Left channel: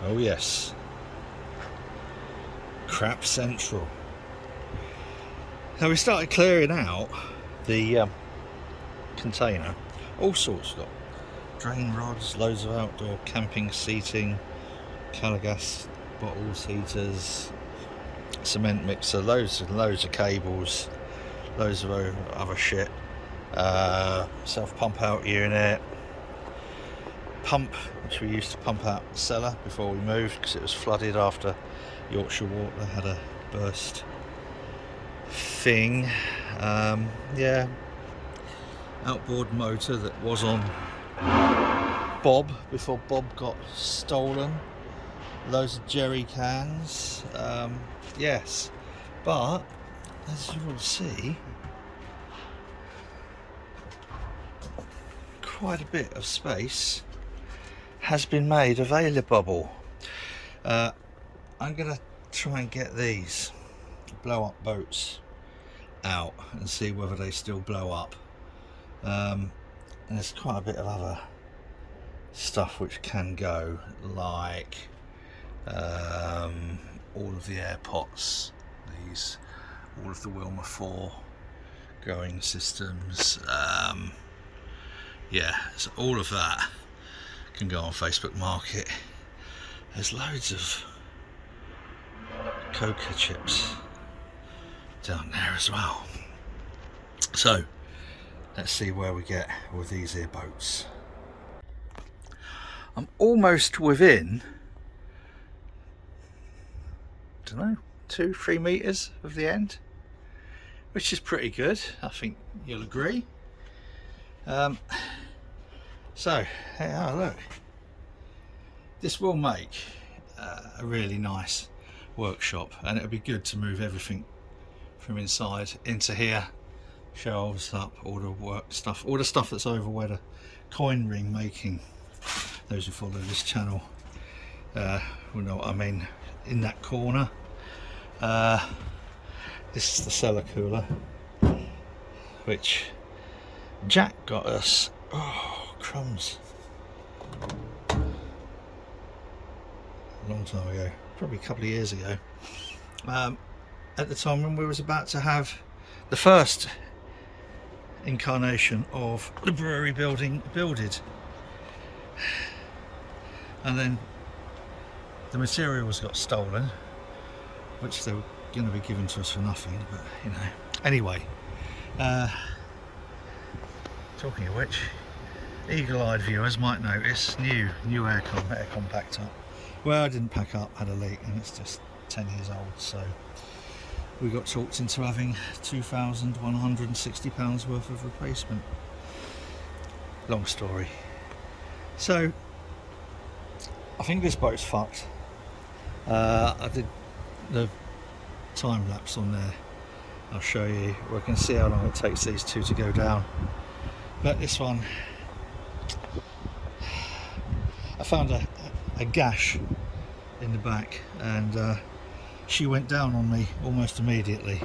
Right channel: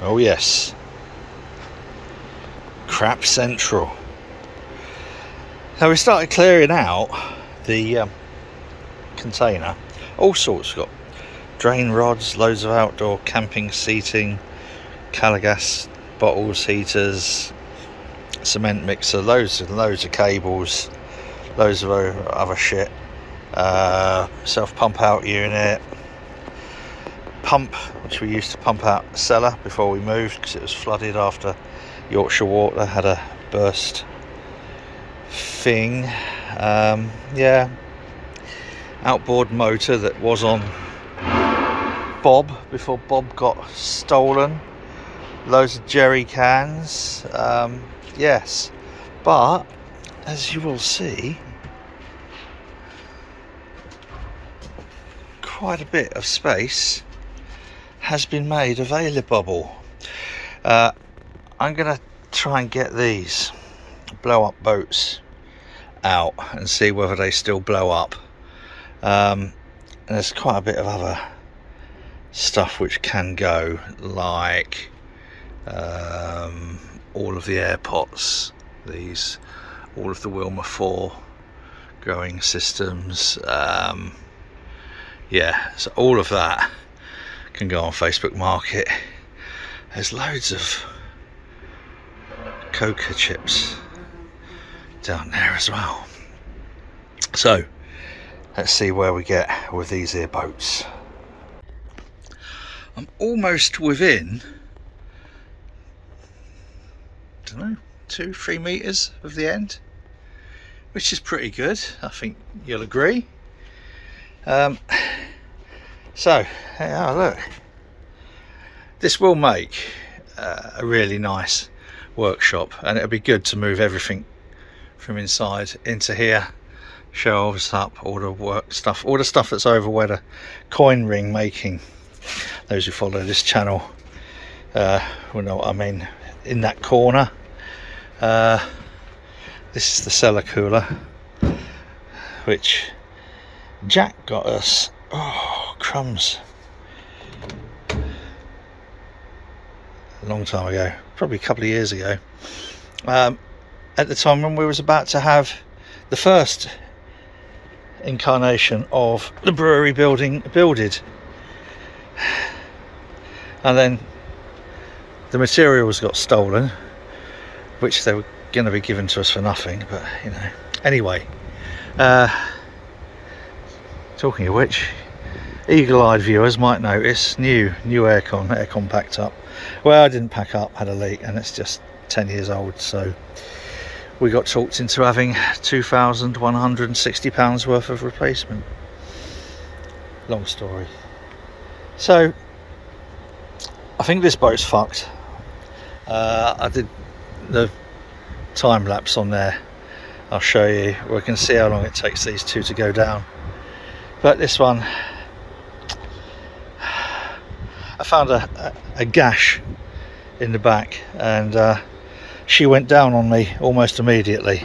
Oh yes, crap central. So we started clearing out the container. All sorts. Got drain rods, loads of outdoor camping seating, Calagas bottles, heaters, cement mixer, loads and loads of cables, loads of other shit, self pump out unit, pump which we used to pump out the cellar before we moved because it was flooded after Yorkshire Water had a burst thing. Yeah, outboard motor that was on Bob before Bob got stolen, loads of jerry cans, yes, but as you will see, quite a bit of space has been made available. I'm gonna try and get these blow up boats out and see whether they still blow up. And there's quite a bit of other stuff which can go, like all of the air pots, these, all of the Wilma 4 growing systems, yeah, so all of that can go on Facebook Market. There's loads of coca chips down there as well. So let's see where we get with these here boats. I'm almost within, I don't know, 2-3 meters of the end, which is pretty good, I think you'll agree. So hey, oh, look, this will make a really nice workshop, and it'll be good to move everything from inside into here, shelves up, all the work stuff, all the stuff that's over where the coin ring making, those who follow this channel will know what I mean. In that corner, this is the cellar cooler which Jack got us, oh crumbs, a long time ago, probably a couple of years ago, at the time when we was about to have the first incarnation of the brewery builded, and then the materials got stolen, which they were going to be given to us for nothing, but you know, anyway, talking of which, eagle-eyed viewers might notice new aircon packed up. Well, I didn't pack up, had a leak, and it's just 10 years old, so we got talked into having £2,160 worth of replacement. Long story. So I think this boat's fucked. I did the time lapse on there, I'll show you. We can see how long it takes these two to go down, but this one, I found a gash in the back, and she went down on me almost immediately.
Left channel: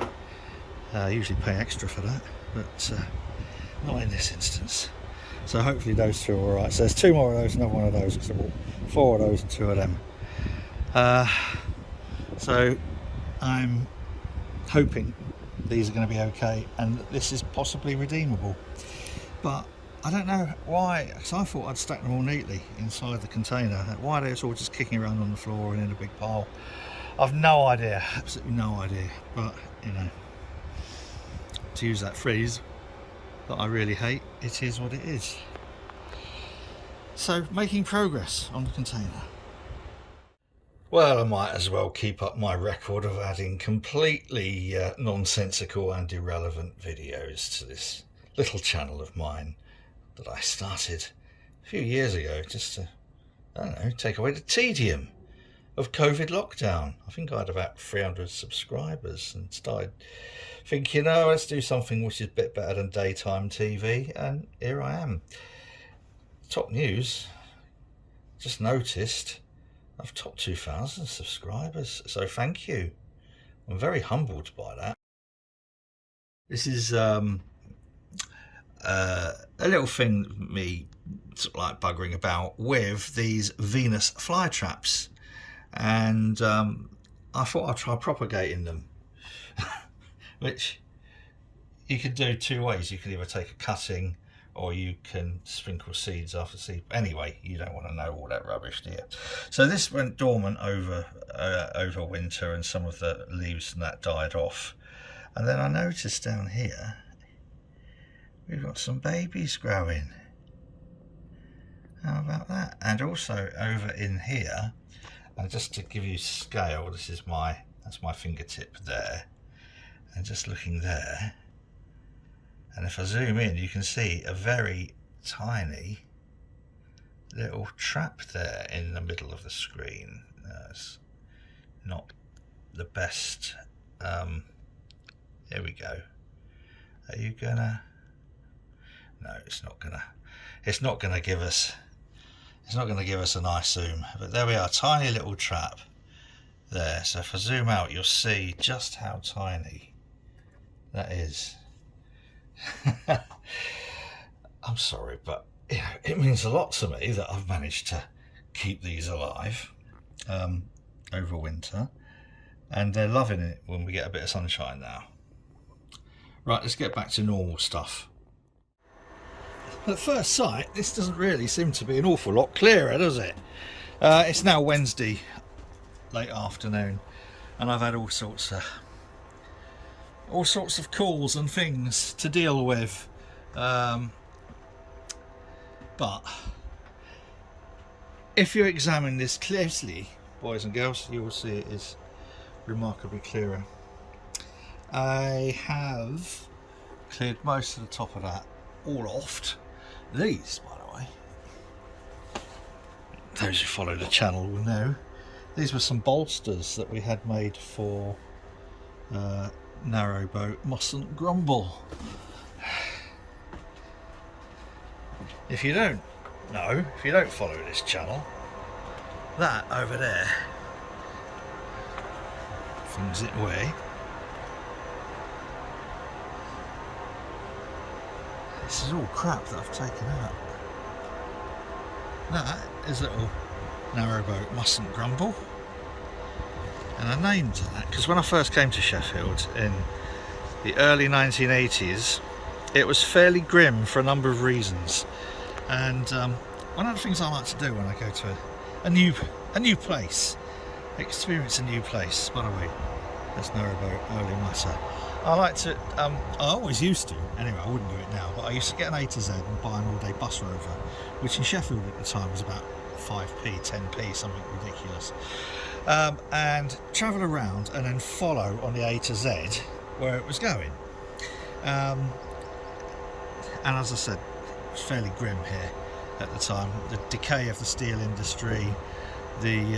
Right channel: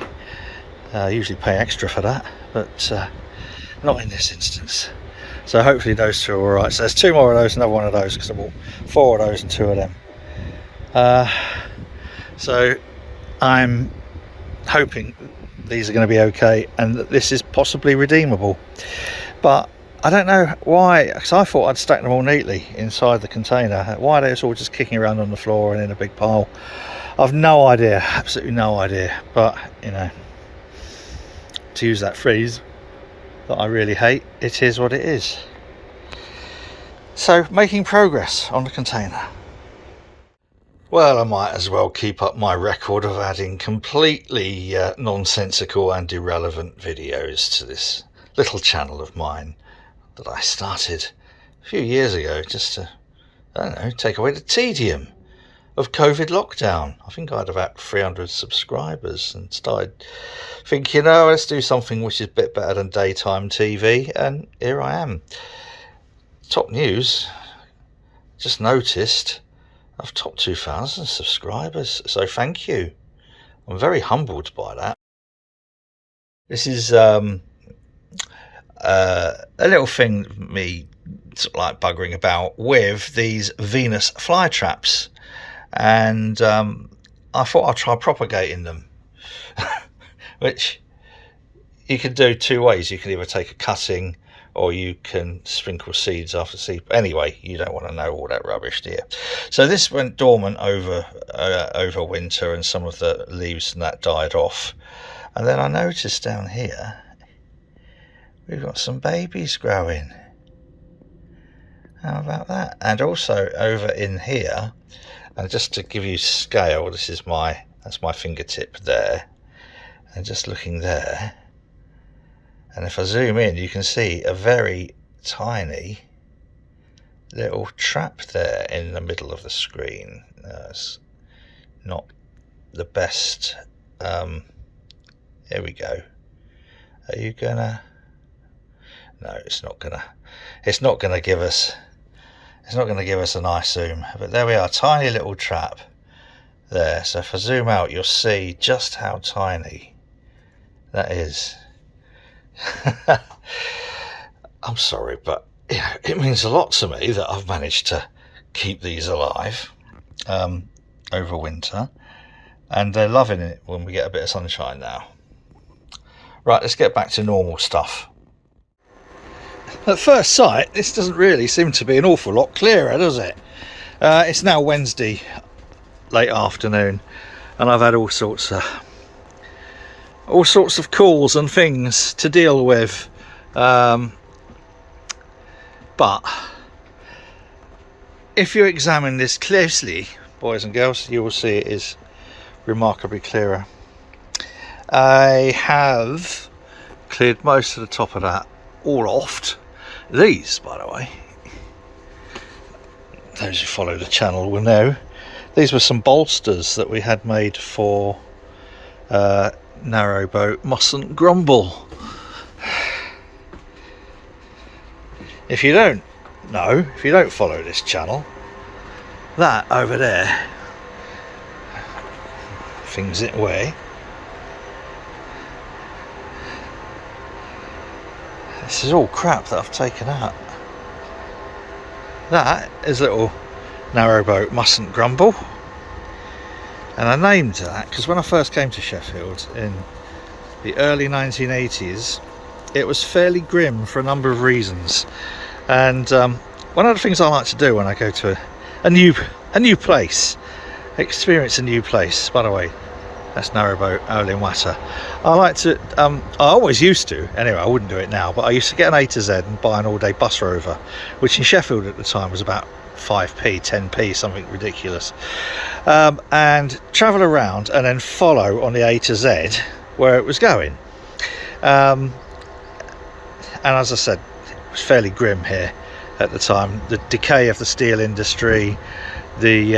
I usually pay extra for that, but not in this instance. So hopefully those two are alright. So there's 2 more of those, another one of those, because I bought 4 of those and 2 of them. So I'm hoping these are going to be okay, and that this is possibly redeemable. But I don't know why, because I thought I'd stacked them all neatly inside the container. Why they're all just kicking around on the floor and in a big pile, I've no idea, absolutely no idea. But you know, to use that phrase that I really hate, it is what it is. So making progress on the container. Well, I might as well keep up my record of adding completely nonsensical and irrelevant videos to this little channel of mine that I started a few years ago, just to, I don't know, take away the tedium of COVID lockdown. I think I had about 300 subscribers, and started thinking, oh, let's do something which is a bit better than daytime TV, and here I am. Top news, just noticed I've topped 2,000 subscribers, so thank you. I'm very humbled by that. This is a little thing me sort of like buggering about with these Venus fly traps and I thought I'd try propagating them, which you can do two ways. You can either take a cutting, or you can sprinkle seeds after seed. Anyway, you don't want to know all that rubbish, do you? So this went dormant over winter, and some of the leaves and that died off. And then I noticed down here we've got some babies growing. How about that? And also over in here, and just to give you scale, that's my fingertip there, and just looking there, and if I zoom in, you can see a very tiny little trap there in the middle of the screen. It's not the best. Here we go. Are you gonna? No, it's not gonna give us. It's not going to give us a nice zoom, but there we are, tiny little trap there. So if I zoom out, you'll see just how tiny that is. I'm sorry, but it means a lot to me that I've managed to keep these alive over winter, and they're loving it when we get a bit of sunshine now. Right, let's get back to normal stuff. At first sight, this doesn't really seem to be an awful lot clearer, does it? It's now Wednesday late afternoon, and I've had all sorts of calls and things to deal with, but if you examine this closely, boys and girls, you will see it is remarkably clearer. I have cleared most of the top of that all off. These, by the way, those who follow the channel will know, these were some bolsters that we had made for narrowboat Mustn't Grumble. If you don't know, if you don't follow this channel, that over there, things it away. This is all crap that I've taken out. That is little narrowboat Mustn't Grumble, and I named that because when I first came to Sheffield in the early 1980s, it was fairly grim for a number of reasons. And one of the things I like to do when I go to a new place, experience a new place. By the way, that's narrowboat Olin Watter. I like to, I always used to, anyway, I wouldn't do it now, but I used to get an A to Z and buy an all-day bus rover, which in Sheffield at the time was about 5p, 10p, something ridiculous, and travel around and then follow on the A to Z where it was going. And as I said, it was fairly grim here at the time. The decay of the steel industry, the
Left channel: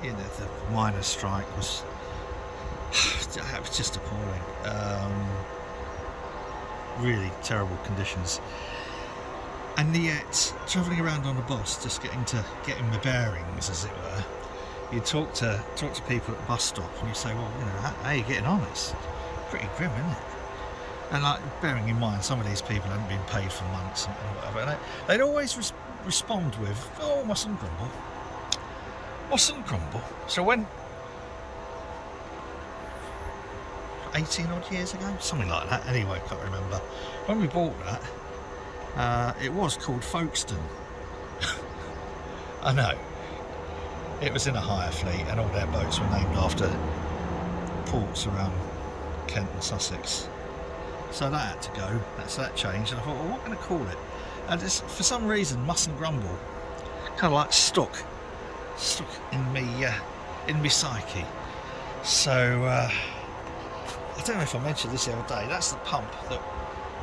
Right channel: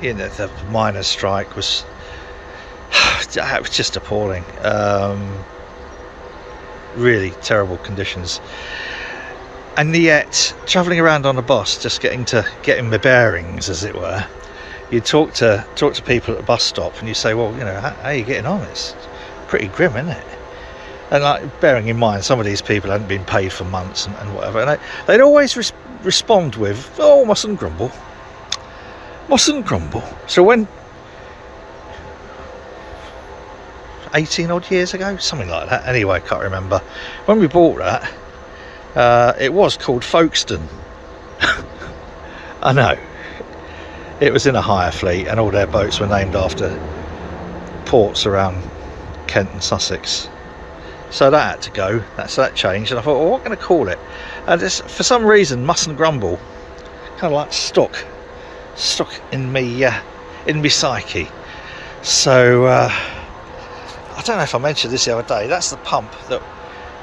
the miners' strike was just appalling. Really terrible conditions, and yet travelling around on a bus, just getting my bearings, as it were. You talk to people at the bus stop, and you say, well, how are you getting on? It's pretty grim, isn't it? And like, bearing in mind, some of these people hadn't been paid for months and whatever, and they'd always respond with, oh, mustn't grumble. So when 18 odd years ago, something like that, anyway, I can't remember, when we bought that, it was called Folkestone. I know, it was in a hire fleet, and all their boats were named after ports around Kent and Sussex, so that had to go. That changed, and I thought, well, what am I going to call it? And for some reason, Mustn't Grumble kind of like stuck in me psyche. So I don't know if I mentioned this the other day, that's the pump that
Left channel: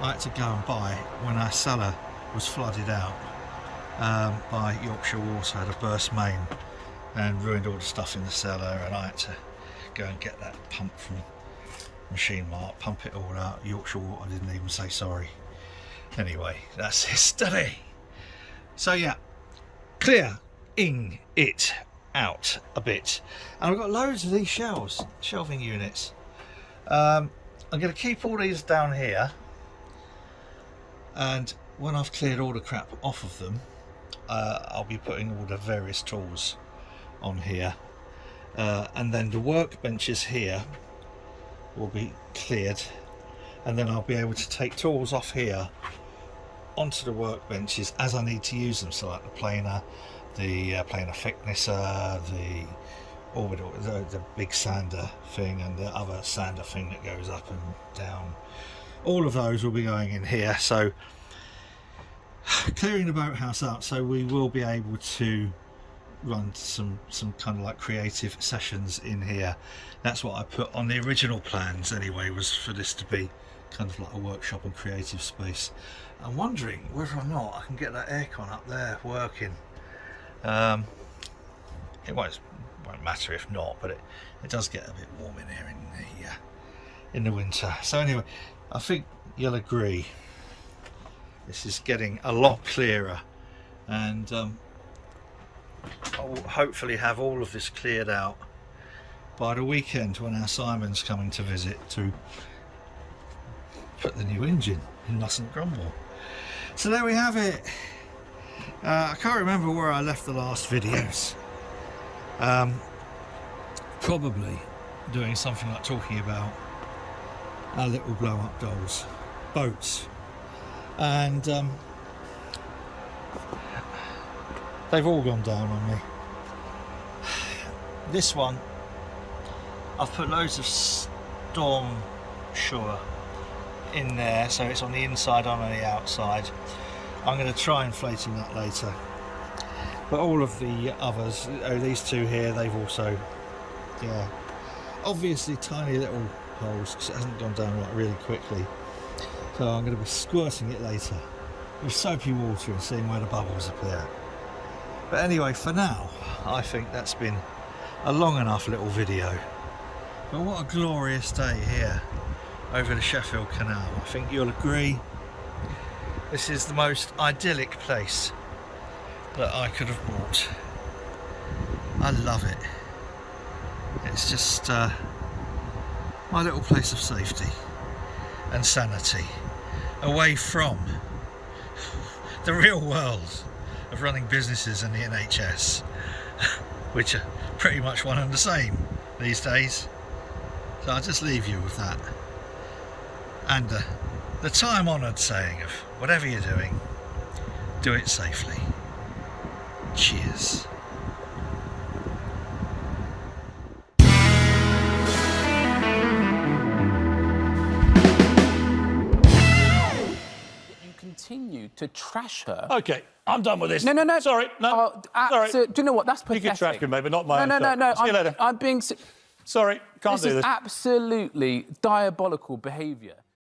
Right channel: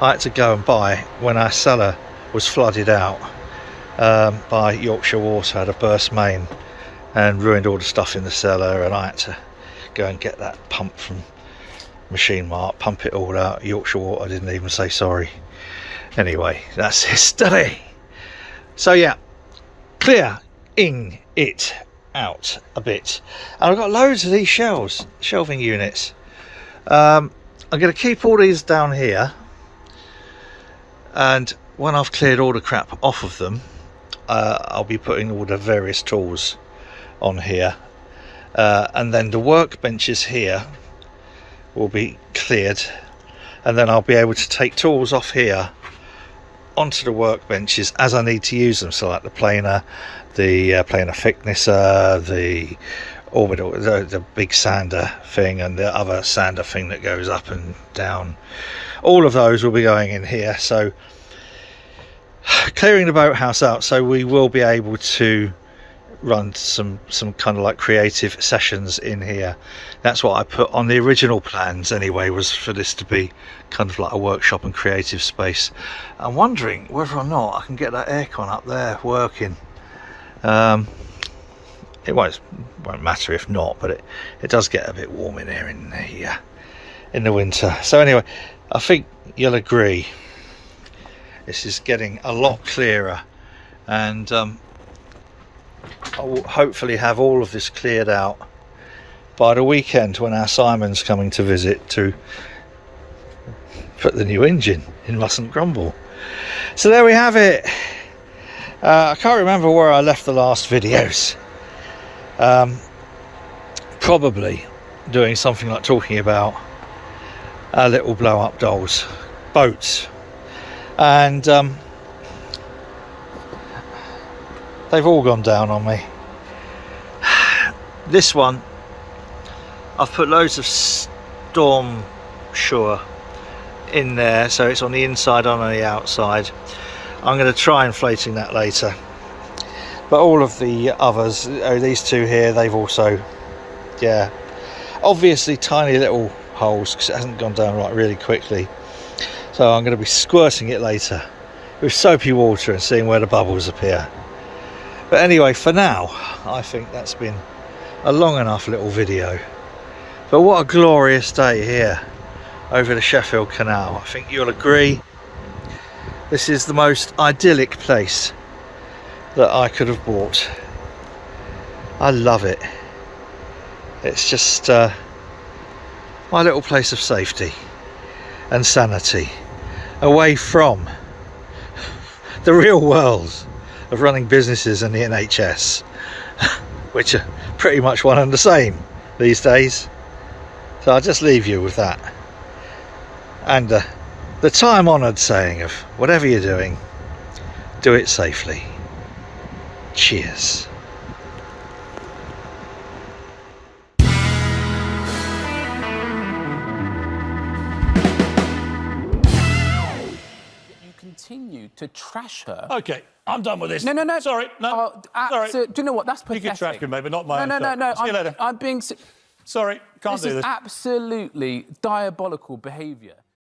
I had to go and buy when our cellar was flooded out by Yorkshire Water. Had a burst main and ruined all the stuff in the cellar, and I had to go and get that pump from Machine Mart, pump it all out. Yorkshire Water didn't even say sorry. Anyway, that's history. So yeah, clearing it out a bit, and I've got loads of these shelving units. I'm going to keep all these down here, and when I've cleared all the crap off of them, I'll be putting all the various tools on here. and then the workbenches here will be cleared, and then I'll be able to take tools off here onto the workbenches as I need to use them. So like the planer, the planer thicknesser, the orbital, the big sander thing, and the other sander thing that goes up and down. All of those will be going in here. So clearing the boathouse out, so we will be able to run some kind of like creative sessions in here. That's what I put on the original plans anyway, was for this to be kind of like a workshop and creative space. I'm wondering whether or not I can get that aircon up there working. It won't matter if not, but it does get a bit warm in here in the winter. So anyway, I think you'll agree this is getting a lot clearer, and I will hopefully have all of this cleared out by the weekend when our Simon's coming to visit to put the new engine in Mustn't Grumble. So there we have it. I can't remember where I left the last videos. Probably doing something like talking about our little blow up dolls, boats, and they've all gone down on me. This one, I've put loads of Storm Shore in there, so it's on the inside, on the outside. I'm going to try inflating that later. But all of the others, these two here, they've also, yeah, obviously tiny little holes because it hasn't gone down right really quickly. So I'm going to be squirting it later with soapy water and seeing where the bubbles appear. But anyway, for now, I think that's been a long enough little video. But what a glorious day here over the Sheffield Canal. I think you'll agree this is the most idyllic place that I could have bought. I love it. It's just my little place of safety and sanity, away from the real world of running businesses and the NHS, which are pretty much one and the same these days. So I'll just leave you with that, and the time-honoured saying of whatever you're doing, do it safely. Cheers. Continue to trash her. Okay, I'm done with this. No. Sorry, no. Sorry. Do you know what? That's pathetic. You can trash me, maybe not my own No. stuff. See you later. I'm being... Sorry, can't do this. This is absolutely diabolical behaviour.